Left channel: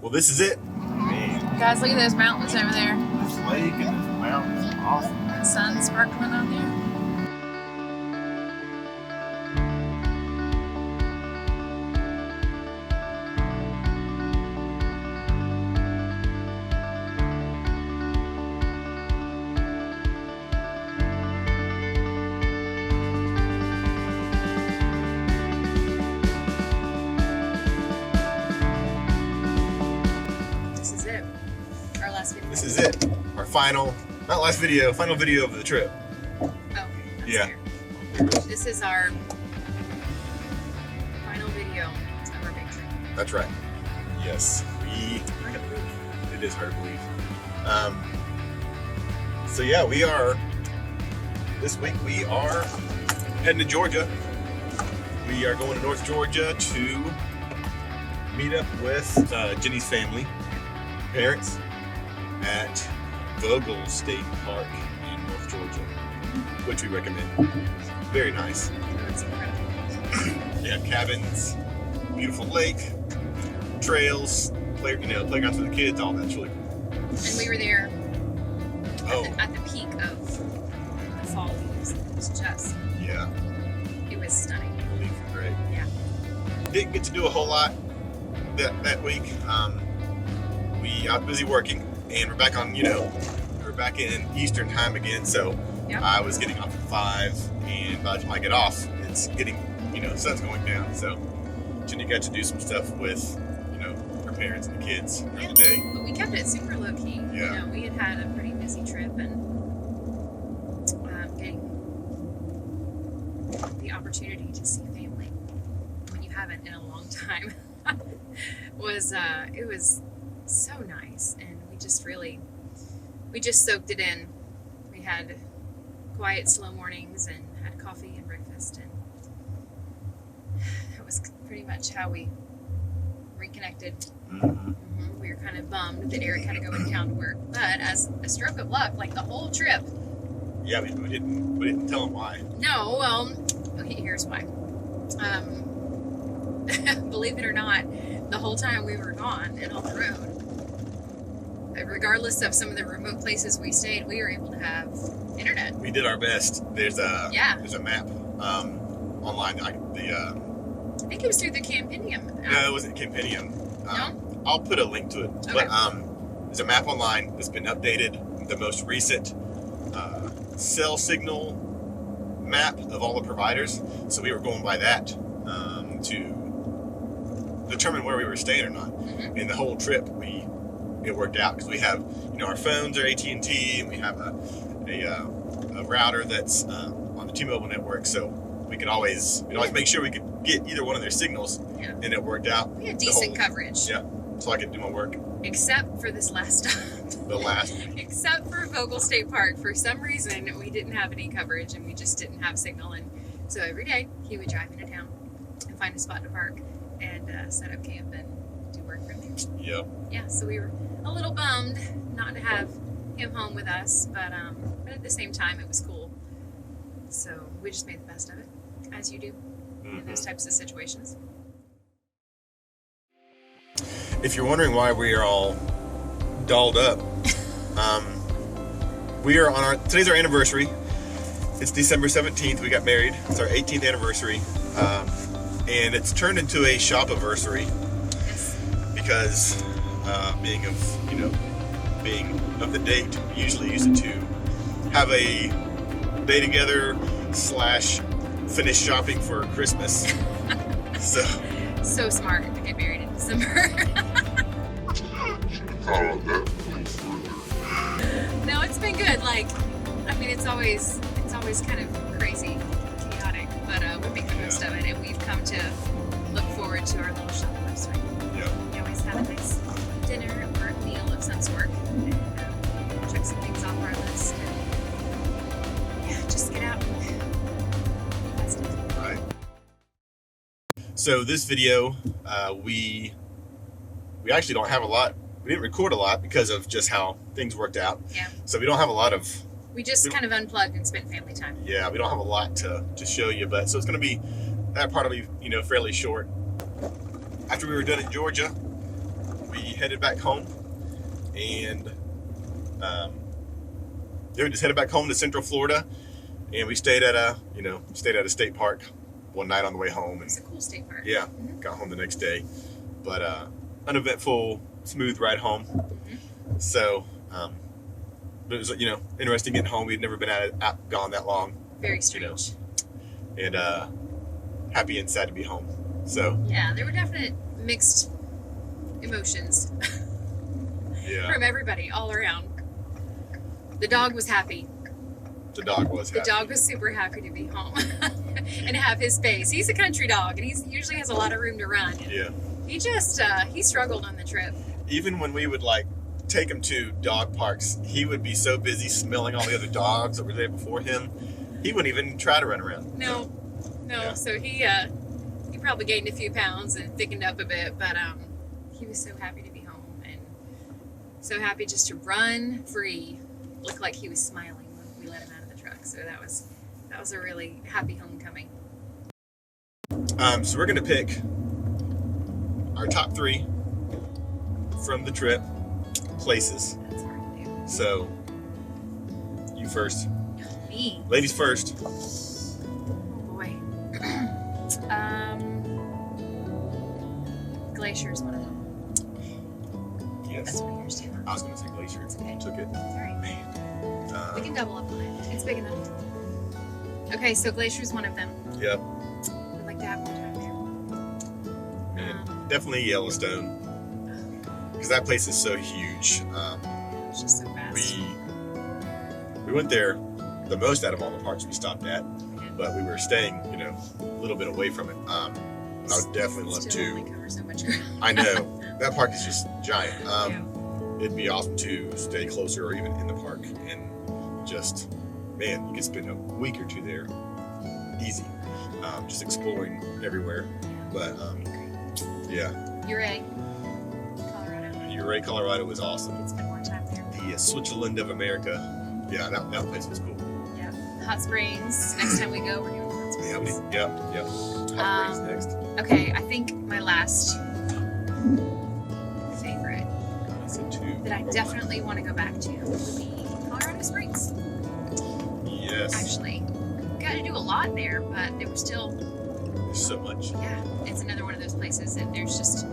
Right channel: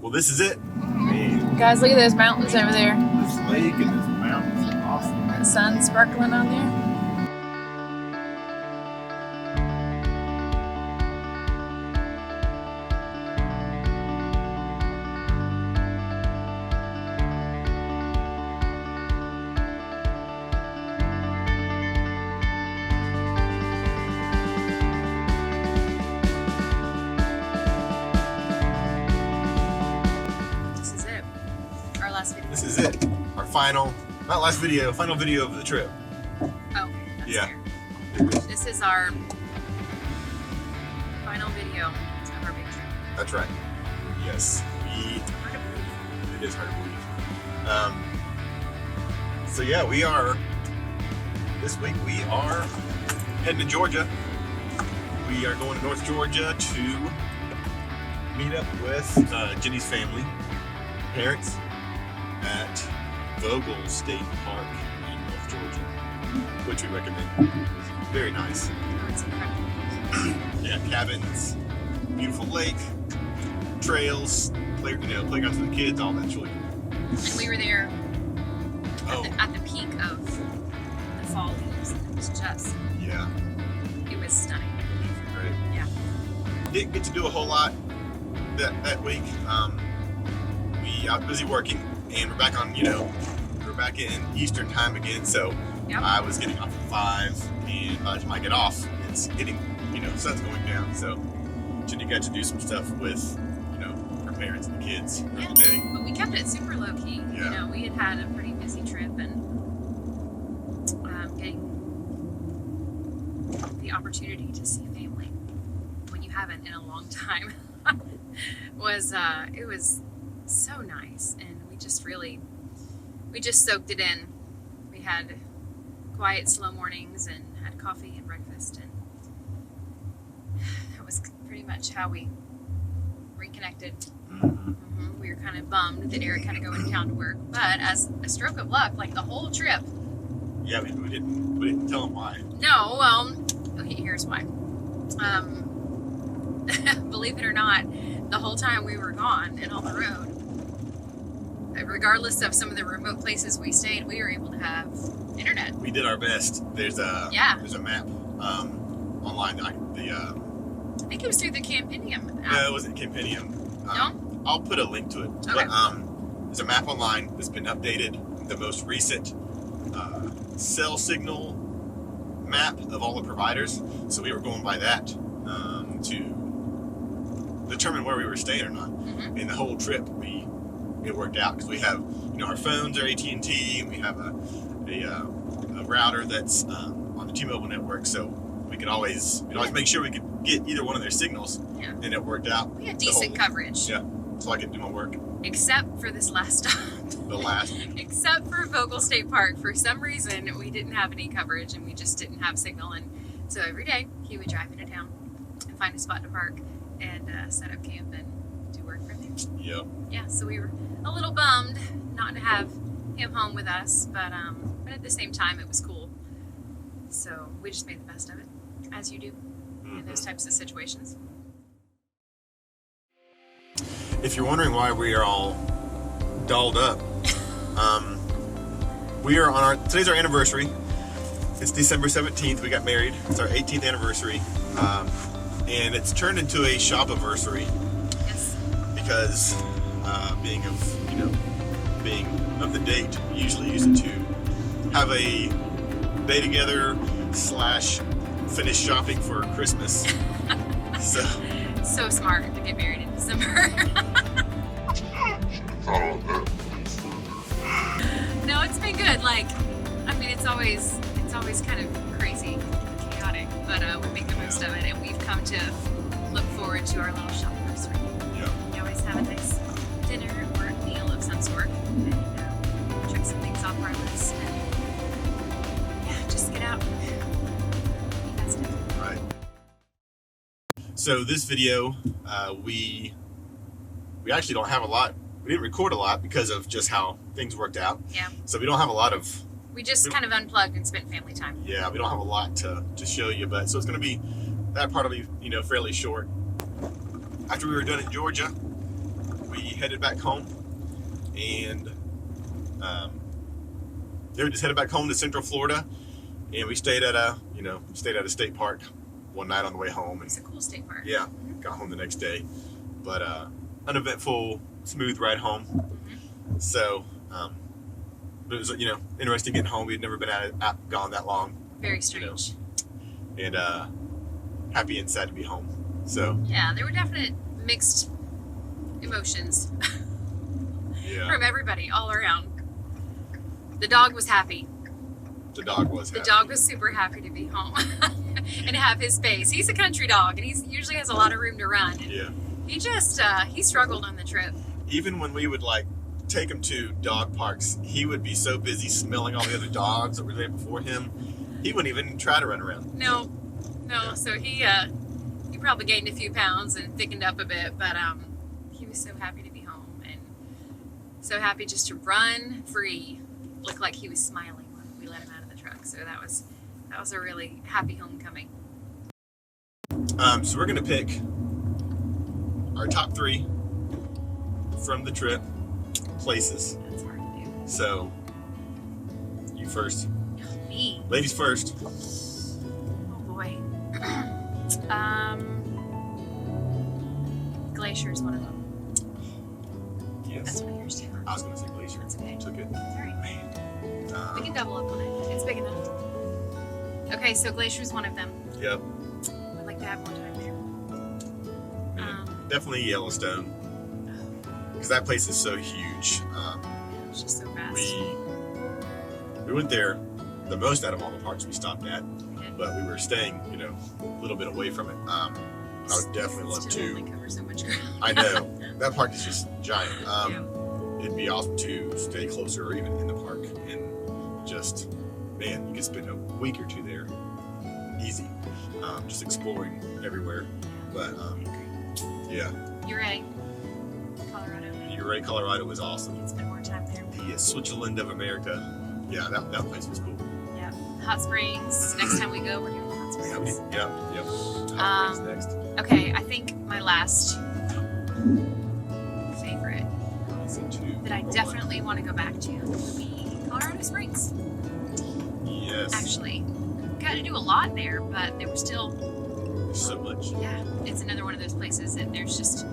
Well, this is it. Guys, look at those mountains over there. This lake and this mountains are awesome. The sun sparkling on there. This is it. Our final video of the trip. Oh, that's Yeah. fair. This is our final video of our big trip. That's right. Yes. Hard to believe. It is hard to believe. So yeah, this week we are heading to Georgia. We are going to North Georgia to meet up with Ginny's family, parents, at Vogel State Park in North Georgia, which we recommend. It's very nice. It's incredible. They have cabins, beautiful lake, trails, playgrounds for the kids, all that's really cool. And we were there Oh, at the peak of the fall leaves. It was just, yeah, it was stunning. the leaves are great. Yeah. Didn't get to do a whole lot that week. I was busy working, and we're back in Eastern time again. So Yep. I was getting off at 5, and by the time I get off, it's getting, sun's going down. So Ginny got to do some stuff with, her parents and the kids during the day. But we kept it super low key. Yeah. We had a pretty busy trip, and getting the opportunity to see family when you haven't in a long time was so nice, and we just soaked it in. We had quiet, slow mornings and had coffee and breakfast, and that was pretty much how we reconnected. Mm-hmm. We were kind of bummed that Eric had to go into town to work, but as a stroke of luck, like the whole trip. Yeah, we didn't tell him why. No, well, okay, here's why. Believe it or not, the whole time we were gone and on the road, regardless of some of the remote places we stayed, we were able to have internet. We did our best. There's a map online. I think it was through the Campidium app. No, it wasn't Campidium. No? I'll put a link to it. Okay. But there's a map online that's been updated. The most recent cell signal map of all the providers. So we were going by that to determine where we were staying or not. Mm-hmm. And the whole trip, it worked out because we have, our phones are AT&T, and we have a router that's on the T-Mobile network, so we'd always make sure we could get either one of their signals, Yeah. and it worked out. We had decent coverage. Yeah, so I could do my work. Except for this last stop. Except for Vogel State Park. For some reason, we didn't have any coverage, and we just didn't have signal. And so every day, he would drive into town and find a spot to park and set up camp and do work from there. Yep. Yeah, so we were a little bummed not to have him home with us, but at the same time, it was cool. So we just made the best of it, as you do in those types of situations. If you're wondering why we are all dolled up, we are today's our anniversary. It's December 17th. We got married. It's our 18th anniversary, and it's turned into a shop-iversary. Yes. Because being of the date, we usually use it to have a day together / finish shopping for Christmas. So smart to get married in December. No, it's been good. It's always kind of crazy, chaotic, but we make the most of it, and we've come to look forward to our little shop anniversary. Yep. We always have a nice dinner or meal of some sort, and check some things off our list, and just get out and be festive. Right. So this video, we actually don't have a lot. We didn't record a lot because of just how things worked out. Yeah. So we don't have a lot of. We just kind of unplugged and spent family time. Yeah, we don't have a lot to show you, but so it's going to be, that part will be, fairly short. After we were done in Georgia, we headed back home, and we just headed back home to Central Florida, and we stayed at a state park one night on the way home. And it's a cool state park. Yeah, got home the next day, but uneventful, smooth ride home. So, but it was interesting getting home. We'd never been gone that long. Very strange. And happy and sad to be home. So yeah, there were definite mixed emotions. Yeah. From everybody all around. The dog was happy. The dog was happy. The dog was super happy to be home and have his space. He's a country dog, and he usually has a lot of room to run. And yeah. He just he struggled on the trip. Even when we would take him to dog parks, he would be so busy smelling all the other dogs that were there before him, he wouldn't even try to run around. No. Yeah. So he probably gained a few pounds and thickened up a bit, but he was so happy to be home and so happy just to run free. Looked like he was smiling when we let him out of the truck. So that was a really happy homecoming. So we're gonna pick our top 3 from the trip places. That's hard to do. So you first. Me. Ladies first. Oh boy. Glacier is one of them. Yes. That's one of yours too. I was gonna say Glacier. That's okay. Took it. All right. We can double up on it. It's big enough. Okay, so Glacier is one of them. Yep. I'd like to have more time there. And definitely Yellowstone, because that place is so huge. It's just so fast. We went there the most out of all the parks we stopped at, We did. but we were staying, a little bit away from it. I would definitely love Still only to. cover so much ground. I know that park is just giant. Yeah. It'd be awesome to stay closer or even in the park and just, man, you could spend a week or 2 there, easy, just exploring everywhere. But yeah, Ouray, Colorado. Ouray, Colorado was awesome. Spend more time there. The Switzerland of America. Yeah, that place was cool. Yeah. Hot Springs. Next time we go, we're doing Hot Yeah, we Springs. did. Yep. Hot Springs next. Okay, I think my last favorite I said 2. that I or 1. definitely want to go back to would be Colorado Springs. Yes. Actually, got to do a lot there, but there was still, There's so much. yeah, it's another one of those places that there's just,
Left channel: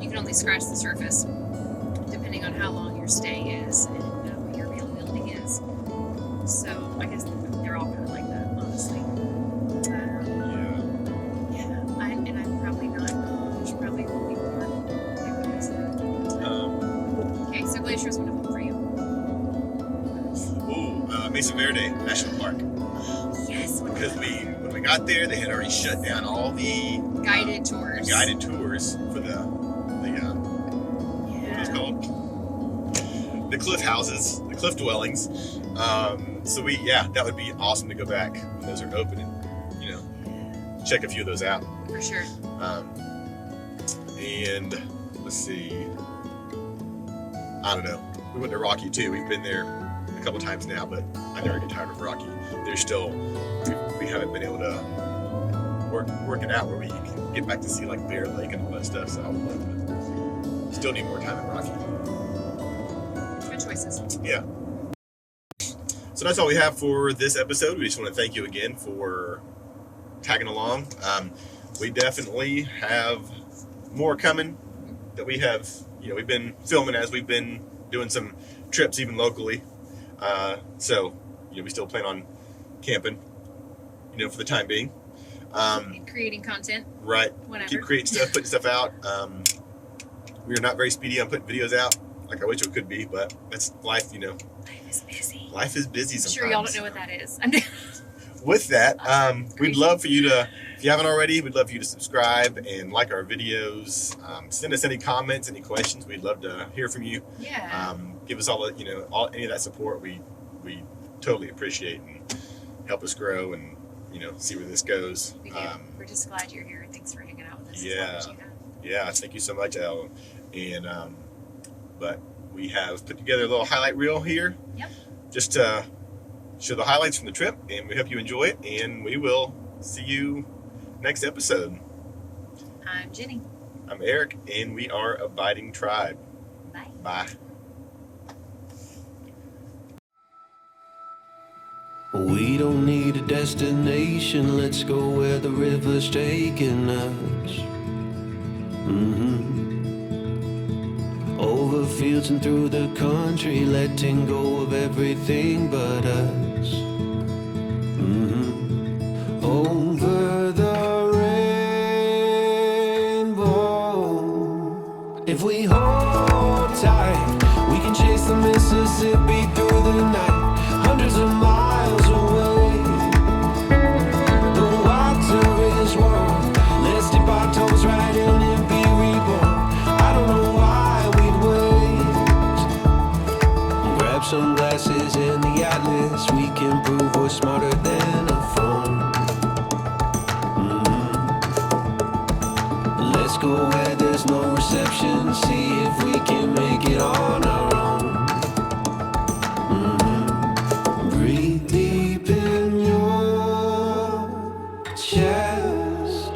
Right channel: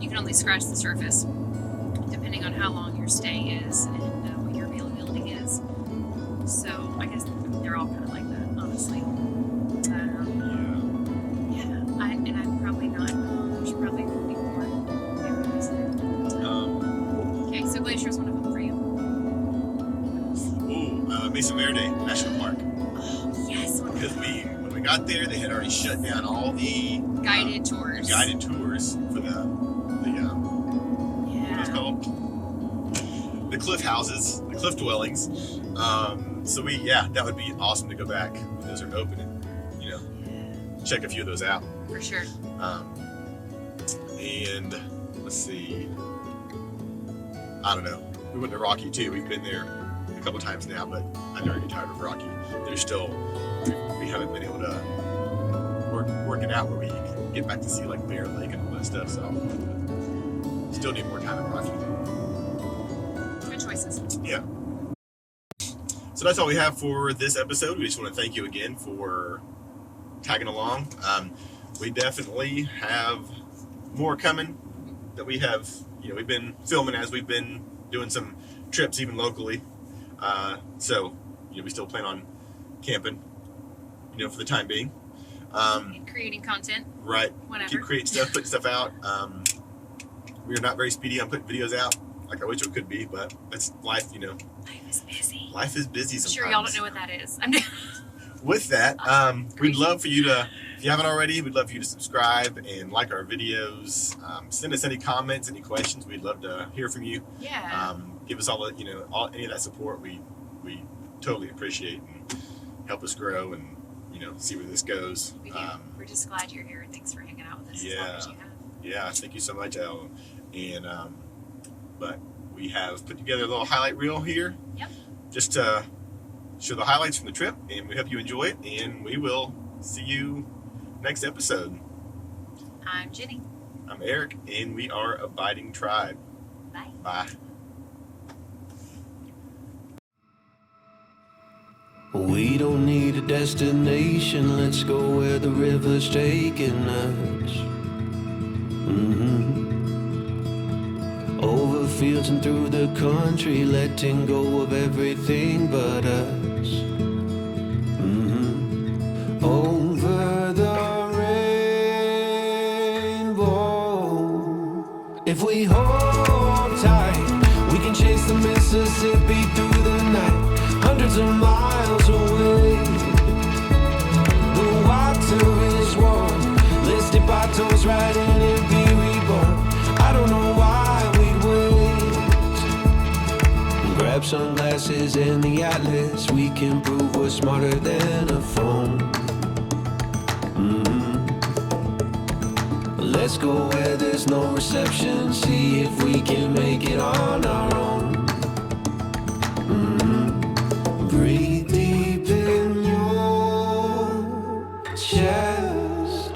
you can only scratch the surface depending on how long your stay is and what your availability is. So I guess they're all kind of like that, honestly. Yeah. Yeah, I'm probably not. There's probably will be more favorites. Okay, so Glacier is one of them for you. Mesa Verde National Park. Oh, yes. Because when we got there, they had already shut down all the Guided tours. guided tours for the what are those called? The cliff houses, the cliff dwellings. So that would be awesome to go back when those are open and check a few of those out. For sure. And let's see, I don't know. We went to Rocky too. We've been there a couple times now, but I never get tired of Rocky. There's still we haven't been able to work it out where we can get back to see like Bear Lake and all that stuff. So I would love to still need more time at Rocky. Good choices. Yeah. So that's all we have for this episode. We just want to thank you again for tagging along. We definitely have more coming that we have. We've been filming as we've been doing some trips, even locally. So we still plan on camping, for the time being. And creating content. Right. Whenever. Keep creating stuff, putting stuff out. We are not very speedy on putting videos out, like I wish we could be, but that's life, Life is busy. Life is busy I'm sometimes. sure y'all don't know what that is. With that, we'd Crazy. love for you to, if you haven't already, we'd love for you to subscribe and like our videos. Send us any comments, any questions. We'd love to hear from you. Yeah. Give us all the, any of that support. We totally appreciate and help us grow and, see where this goes. We do. We're just glad you're here. Thanks for hanging out with us as Yeah. long as you have. Yeah, thank you so much, Al. And but we have put together a little highlight reel here. Yep. Just to show the highlights from the trip, and we hope you enjoy it. And we will see you next episode. I'm Ginny. I'm Eric, and we are Abiding Tribe. Bye. Bye. We don't need a destination, let's go where the river's taking us. Over fields and through the country, letting go of everything but us. Over the rainbow. If we hold tight, we can chase the Mississippi through the night, hundreds of miles away. The water is warm, let's dip our toes right in and be reborn. I don't know why we'd wait. Grab sunglasses and the atlas, we can prove we're smarter than a phone. Let's go where there's no reception, see if we can make it on our own. Breathe deep in your chest.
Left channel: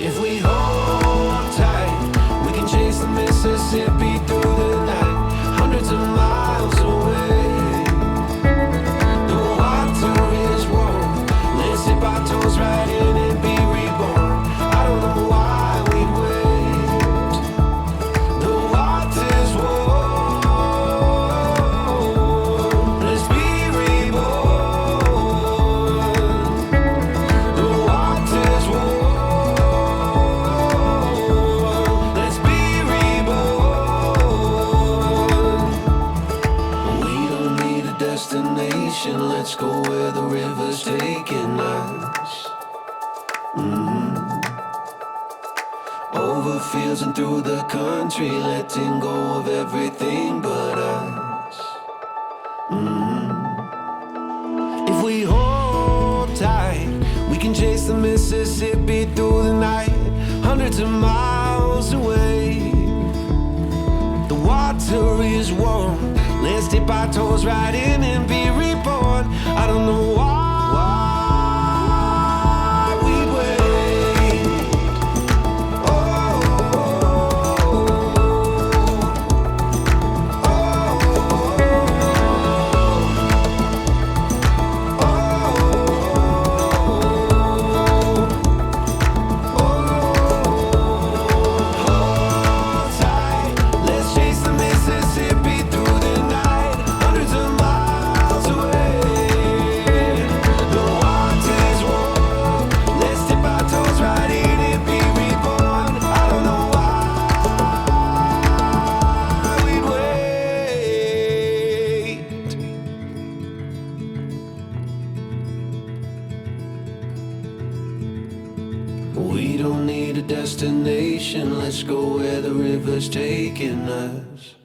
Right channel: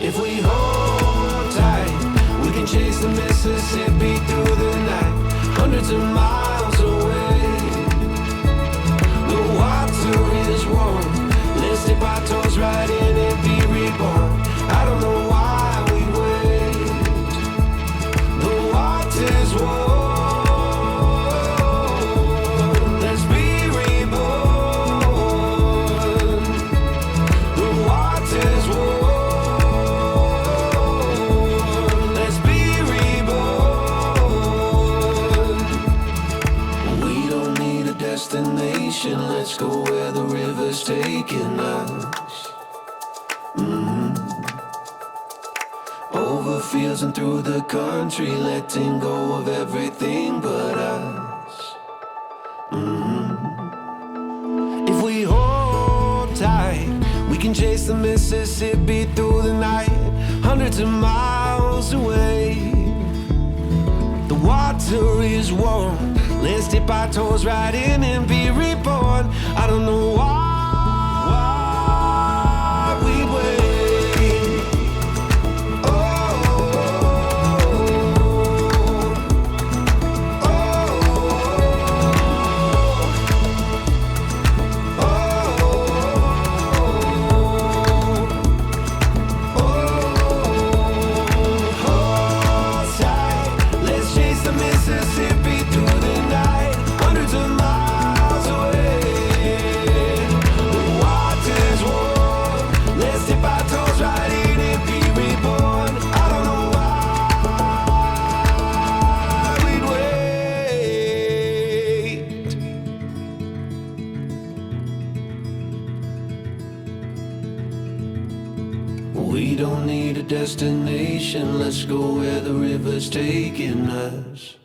If we hold tight, we can chase the Mississippi through the night, hundreds of miles away. The water is warm, let's dip our toes right in and be reborn. I don't know why we'd wait. The water's warm, let's be reborn. The water's warm, let's be reborn. We don't need a destination, let's go where the river's taking us. Over fields and through the country, letting go of everything but us. If we hold tight, we can chase the Mississippi through the night, hundreds of miles away. The water is warm, let's dip our toes right in and be reborn. I don't know why we'd wait. Oh, oh, hold tight, let's chase the Mississippi through the night, hundreds of miles away. The water's warm, let's dip our toes right in and be reborn. I don't know why we'd wait. We don't need a destination, let's go where the river's taking us.